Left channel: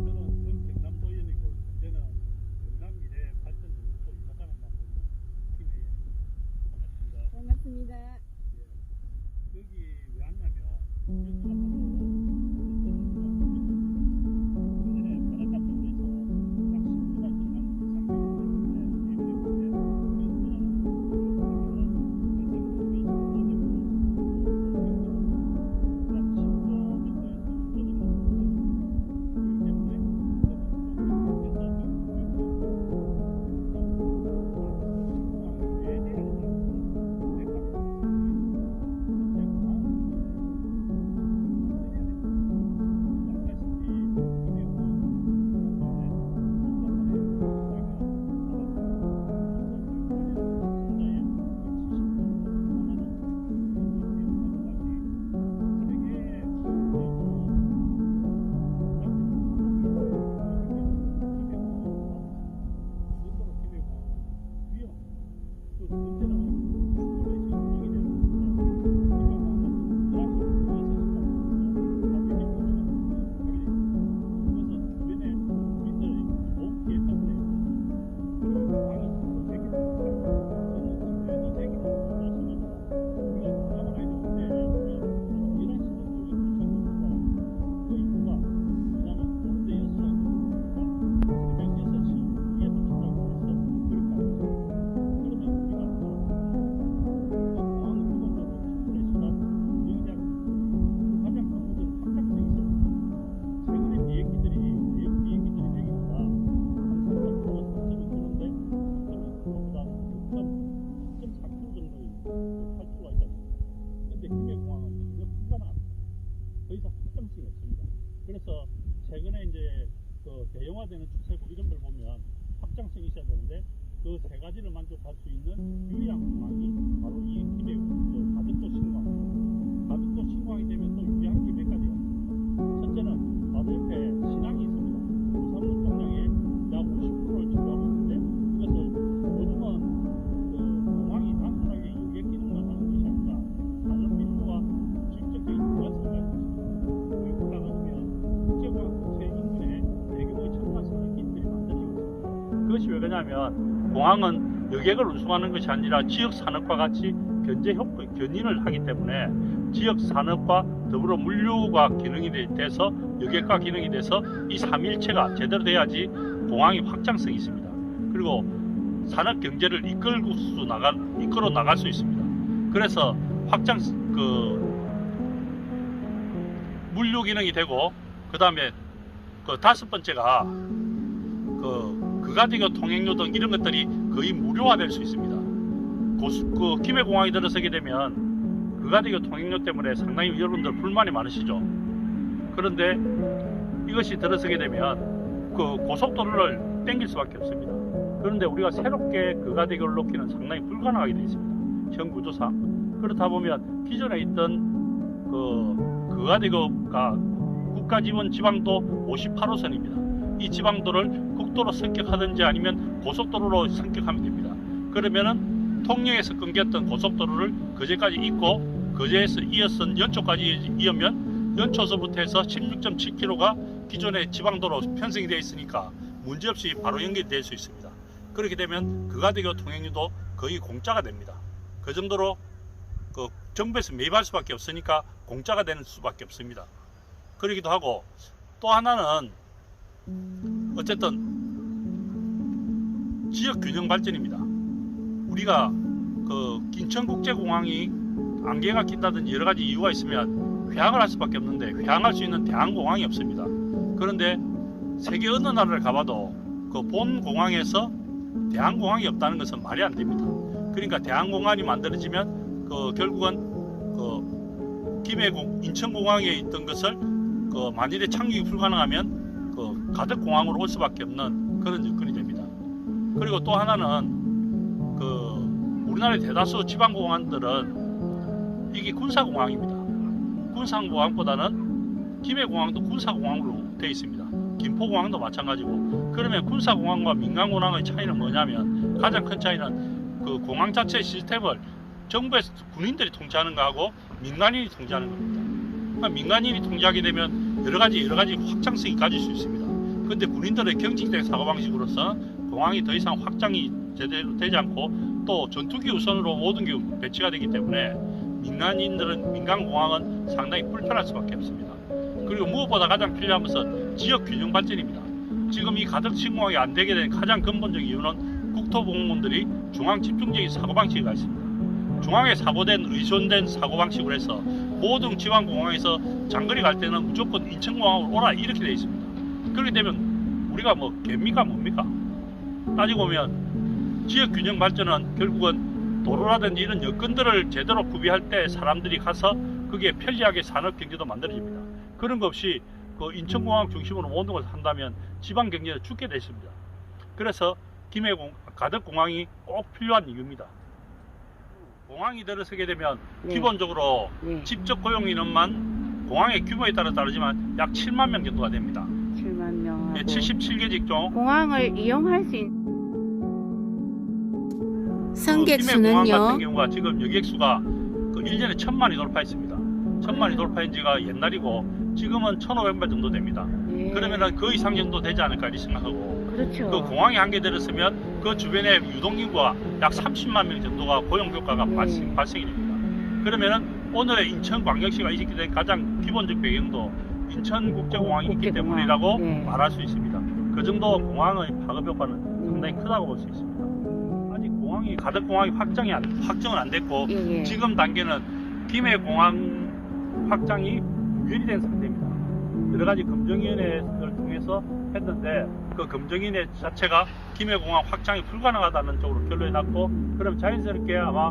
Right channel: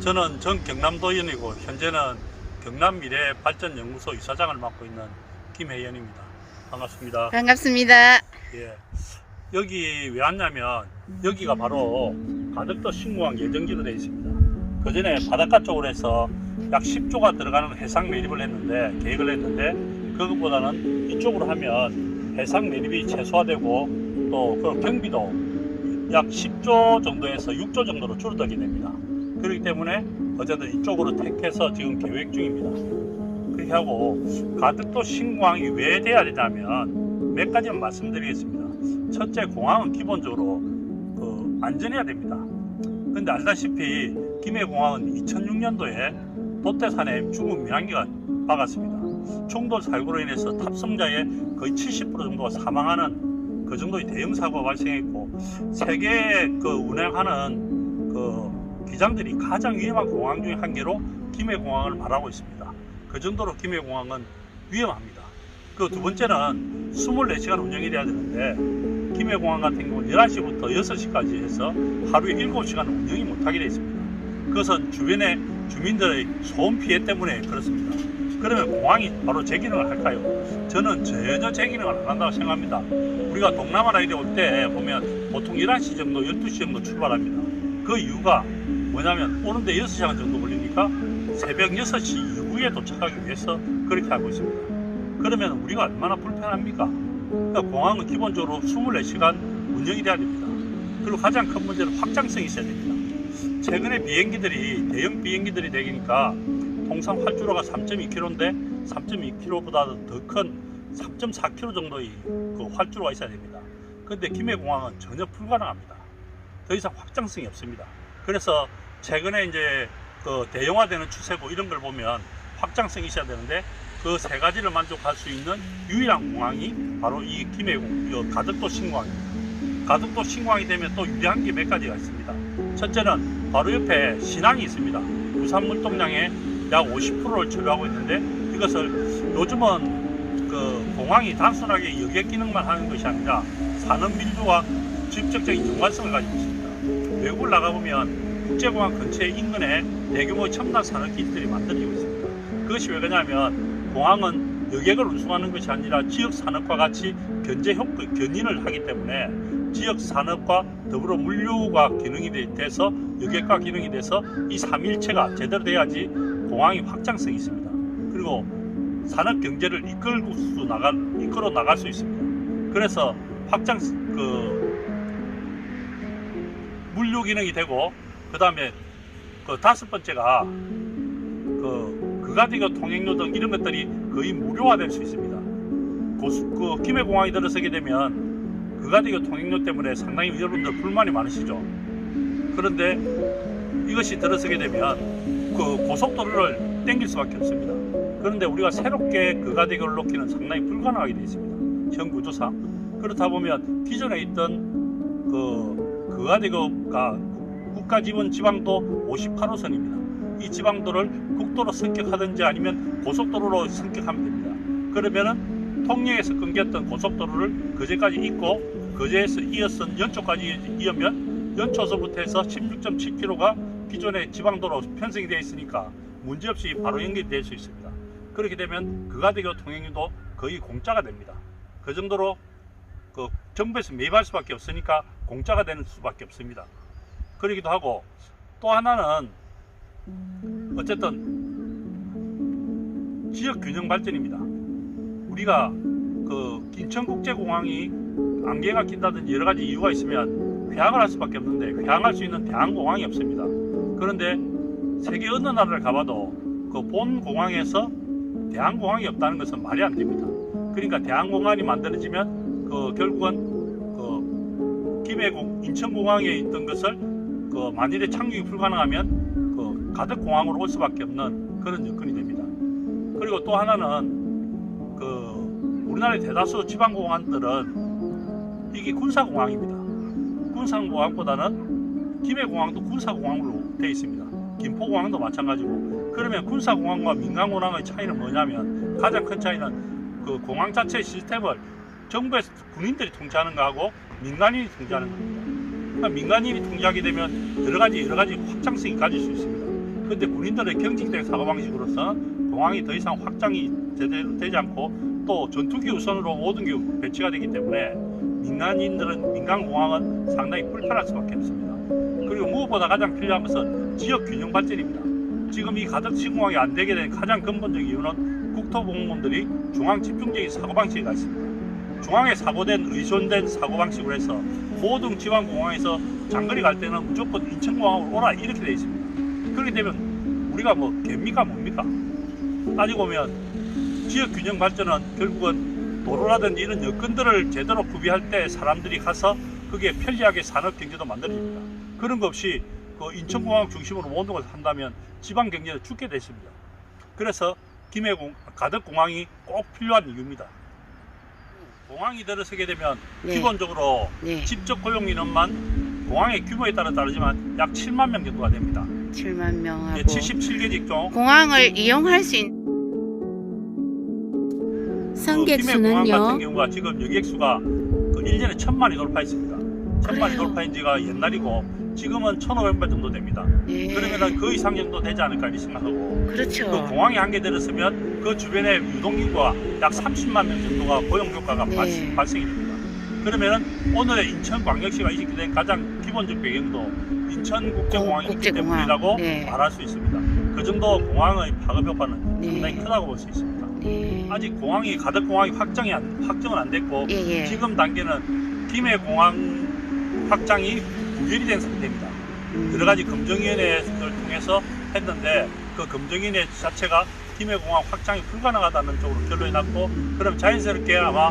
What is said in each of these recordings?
저는 전 경남도의원이고 현재는 경남미래발전연구소 이사장을 맡고 있는 김혜연입니다. 반갑습니다. 반갑습니다. 예. 여기 왜 왔냐면 여기가 바로 가덕도 신공항 예정지로 되어 있습니다. 그 전에 바닷가 쪽으로 해서 약 10조가 들어가는 해상 매립을 했는데 계획을 했는데 그것보다는 이쪽으로 하면 해상 매립이 최소화되고 또 그 경비도 약 10조 정도에서 6조 정도로 줄어들게 됩니다. 그렇기 때문에 어쨌든 이쪽으로 택해서 지금 계획 중입니다. 그렇게 하고 가덕도 신공항이 왜 돼야 되냐면 몇 가지만 말씀드리겠습니다. 첫째 공항은 기본적으로 그 안전해야 됩니다. 근데 알다시피 김해공항은 2006년도에 도태산에 중국 민항기가 박았습니다. 충돌 사고로 인해서 탑승자의 거의 70% 정도가 사망하는 그 정도의 대형 사고가 발생했고 세계 그 운행하는 그 기장들이 가장 위험한 공항 중에 한 개로 김해공항을 말하고 있습니다. 그 정도로 김해공항은 위험합니다. 그 두 번째는 24시간 운영이 돼야 되는데 김해공항 같은 경우는 11시부터 6시까지 해서 하루에 7시간 운영이 못하게 되어 있습니다. 그것은 주변의 주민들의 소음 피해 때문에 그렇습니다. 그러면 공항이 바로 제 기능을 할까요? 저는 전혀 제 기능을 안 한다고 생각합니다. 우리가 동남아 라인에 올 때 보면 보통 11시 정도, 12시 정도 출발합니다. 그 이유가 뭐냐면 오는데 6시간 정도 걸리니까 새벽 6시 이후에 도착하기 위해서 그렇게 하고 있습니다. 그러면 우리가 얼마나 불편합니까? 그러니까 공항은 기본적으로 24시간 운영이 돼야 됩니다. 그리고 가장 큰 문제는 확장성이 있어야 됩니다. 최근에 비행기들이 대형 비행기들이 되니까 통상 활주로가 3.2km인데 3.2km보다 더 큰 3.4km 정도의 그 활주로가 있어야 됩니다. 근데 김해공항은 전혀 불가능합니다. 더 이상 확장성이 없습니다. 그래서 최근에 이제 그 대형화되는 추세고 이런 걸 보면 확장성이 있어야 되는데 그 세 가지를 만족할 수 있는 유일한 공항이 바로 이 김해공, 이 가덕도 신공항입니다. 가덕도 신공항이 되면 또 유리한 게 몇 가지가 있습니다. 첫째는 바로 옆에 신항이 있습니다. 유산 물 동량의 약 50%를 소유하고 있는데 이것을 요즘은 그 공항이 단순하게 여객 기능만 하는 것이 아니라 산업 밀도와 직접적인 연관성을 가지고 있습니다. 외국을 나가보면 국제공항 근처에 인근에 대규모 첨단 산업 기지들이 만들어지고 있습니다. 그것이 왜 그러냐면 공항은 여객을 운송하는 것이 아니라 지역 산업과 같이 견제 효과, 견인을 하기 때문에 지역 산업과 더불어 물류가 기능이 돼- 돼서 여객과 기능이 돼서 이 삼일체가 제대로 돼야지 공항이 확장성이 있습니다. 그리고 산업 경제를 이끌고 수 나갈 이끌어 나갈 수 있습니다. 그래서 확장 그 물류 기능이 되고 그 다음에 그 다섯 번째가 그 그가디교 통행료 등 이런 것들이 거의 무료화될 수 있습니다. 고수, 그 김해공항이 들어서게 되면 그가디교 통행료 때문에 상당히 여러분들 불만이 많으시죠. 그런데 이것이 들어서게 되면 그 고속도로를 땡길 수밖에 없습니다. 그런데 우리가 새롭게 그가대교를 놓기는 상당히 불가능하게 되어 있습니다. 현 구조상. 그렇다 보면 기존에 있던 그 그가대교가 국- 국가 지원 지방도 58호선입니다. 이 지방도를 국도로 승격하든지 아니면 고속도로로 승격하면 됩니다. 그러면은 통영에서 끊겼던 고속도로를 거제까지 잇고 거제에서 이어선 연초까지 이으면 연초서부터 해서 16.7km가 기존의 지방도로 편성이 되어 있으니까 문제없이 바로 연결이 될수 있습니다. 그렇게 되면 그가대교 통행료도 거의 공짜가 됩니다. 그 정도로 그 정부에서 매입할 수밖에 없으니까 공짜가 되는 수밖에 없습니다. 그러기도 하고 또 하나는 어쨌든 지역 균형 발전입니다. 우리가 그 인천국제공항이 안개가 낀다든지 여러 가지 이유가 있으면 회항을 할 수밖에 없는데 회항할 수 있는 대한공항이 없습니다. 그런데 세계 어느 나라를 가봐도 그 본 공항에서 대한공항이 없다는 것은 말이 안 됩니다. 그러니까 대한공항이 만들어지면 그 결국은 그 김해공 인천공항에 있던 것을 그 만일에 착륙이 불가능하면 그 가덕 공항으로 올 수밖에 없는 그런 여건이 됩니다. 그리고 또 하나는 그 우리나라의 대다수 지방 공항들은 이게 군사 공항입니다. 군사 공항보다는 김해 공항도 군사 공항으로 되어 있습니다. 김포 공항도 마찬가지고 그러면 군사 공항과 민간 공항의 차이는 뭐냐면 가장 큰 차이는 그 공항 자체 시스템을 정부에서 군인들이 통제하는 거하고 민간인이 통제하는 겁니다. 민간인이 통제하게 되면 여러 가지 여러 가지 확장성이 가질 수 있습니다. 근데 군인들의 경직된 사고 방식으로서 공항이 더 이상 확장이 제대로 되지 않고 또 전투기 우선으로 모든 게 배치가 되기 때문에 민간인들은 민간 공항은 상당히 불편할 수밖에 없습니다. 그리고 무엇보다 가장 필요한 것은 지역 균형 발전입니다. 지금 이 가덕 신공항이 안 되게 된 가장 근본적 이유는 국토공무원들이 중앙 집중적인 사고방식이 있습니다. 중앙에 사고된 의존된 사고방식으로 해서 모든 지방 공항에서 장거리 갈 때는 무조건 인천공항으로 오라 이렇게 돼 있습니다. 그렇게 되면 우리가 뭐 개입니까 뭡니까? 따지고 보면 지역 균형 발전은 결국은 도로라든지 이런 여건들을 제대로 구비할 때 사람들이 가서 그게 편리하게 산업 경제도 만들어집니다. 그런 거 없이 그 인천공항 중심으로 모든 걸 한다면 지방 경제는 죽게 돼 있습니다. 그래서 김해공 가덕공항이 꼭 필요한 이유입니다. 공항이 들어서게 되면 네. 기본적으로 네. 직접 고용 인원만 공항의 규모에 따라 다르지만 약 7만 명 정도가 됩니다. 7만 명하고 예, 77개 직종. 공항을 이용할 수 있는 승객 그 김해 공항 같은 수는요. 경우가 지금 여객 수가 그 1년에 천만이 돌파했습니다. 천만이? 돌파한 지가 옛날이고 지금은 1,500만 정도 됩니다. 네. 그러면 그 이상 정도 되지 않을까 이렇게 생각하고 그렇죠. 그 공항이 한 개 들었으면 그 주변에 유동인구가 약 30만 명 정도가 고용 효과가 네. 발생, 발생이 됩니다. 그러면은 오늘의 인천광역시가 이식된 가장 기본적 배경도 인천국제공항이 있기 국제공항. 때문이라고 네. 말할 수 있습니다. 그 정도 공항의 파급 효과는 네. 상당히 크다고 볼 수 있습니다. 네. 아직 공항이 가덕 공항이 확정이 안, 확정은 안 됐고 예, 예. 지금 단계는 김해 공항 확장이 무결이 된 상태입니다. 음. 여러 가지 검증위원회를 통해서 했는데 그 검증위원회 자체가 김해공항 확장이 불가능하다는 쪽으로 결론이 났고 그럼 자연스럽게 아마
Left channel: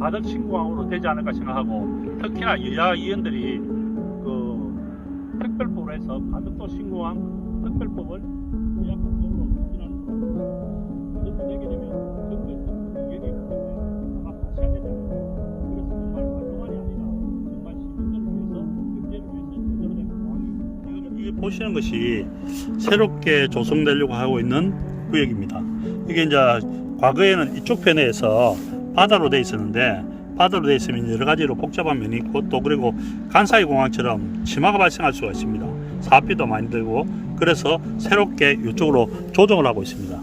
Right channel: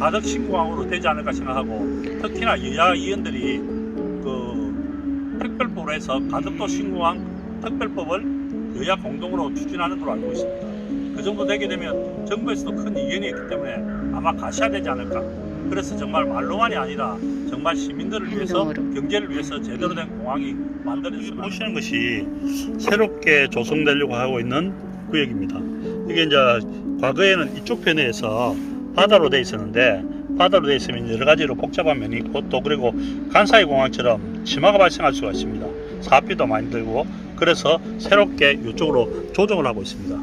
가덕 신공항으로 되지 않을까 생각하고 특히나 여야 의원들이 그 특별법으로 해서 가덕도 신공항 특별법을 여야 공동으로 추진하는 걸로 알고 있습니다. 그 정도 되게 되면 정부에서도 큰 이견이 있기 때문에 아마 가셔야 되지 않을까. 그래서 정말 말로만이 아니라 정말 시민들을 위해서. 경제를 위해서 제대로 된 공항이 만들어졌으면 보시는 것이 새롭게 조성되려고 하고 있는 구역입니다. 이게 이제 과거에는 이쪽 편에서 바다로 돼 있었는데 바다로 돼 있으면 여러 가지로 복잡한 면이 있고 또 그리고 간사이 공항처럼 침하가 발생할 수가 있습니다. 사업비도 많이 들고 그래서 새롭게 이쪽으로 조정을 하고 있습니다.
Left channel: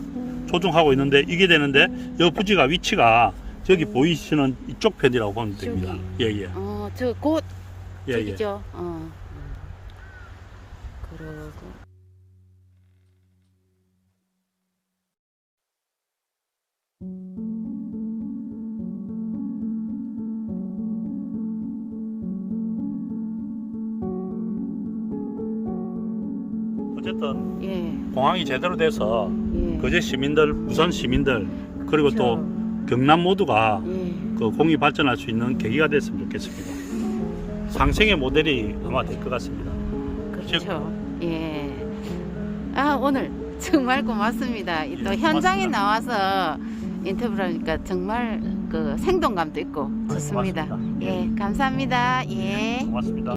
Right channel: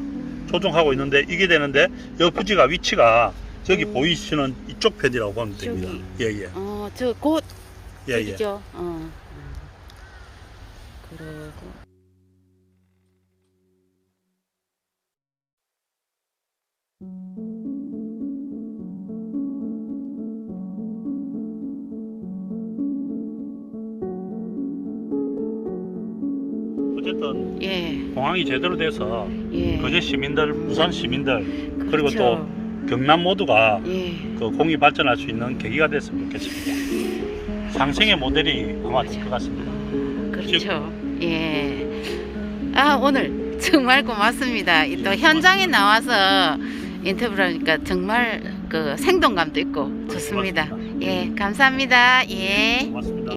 조정하고 있는데 이게 되는데 여 부지가 위치가 저기 보이시는 이쪽 편이라고 보면 됩니다. 예예. 어, 저곧 예, 예. 저기죠. 어. 그러고 어쨌든 예. 공항이 제대로 돼서 예. 거제 시민들, 부산 시민들 그리고 그렇죠. 또 경남 모두가 예. 그 공이 발전할 수 있는 계기가 됐으면 좋겠습니다. 상생의 모델이 아마 될 것 같습니다. 그렇죠. 예. 아, 오늘 정말 고맙습니다. 이또 현장에 나와서 인터뷰를 하니까 정말 그 생동감도 있고 좋습니다. 고맙습니다. 예, 감사합니다. 예. 고맙습니다.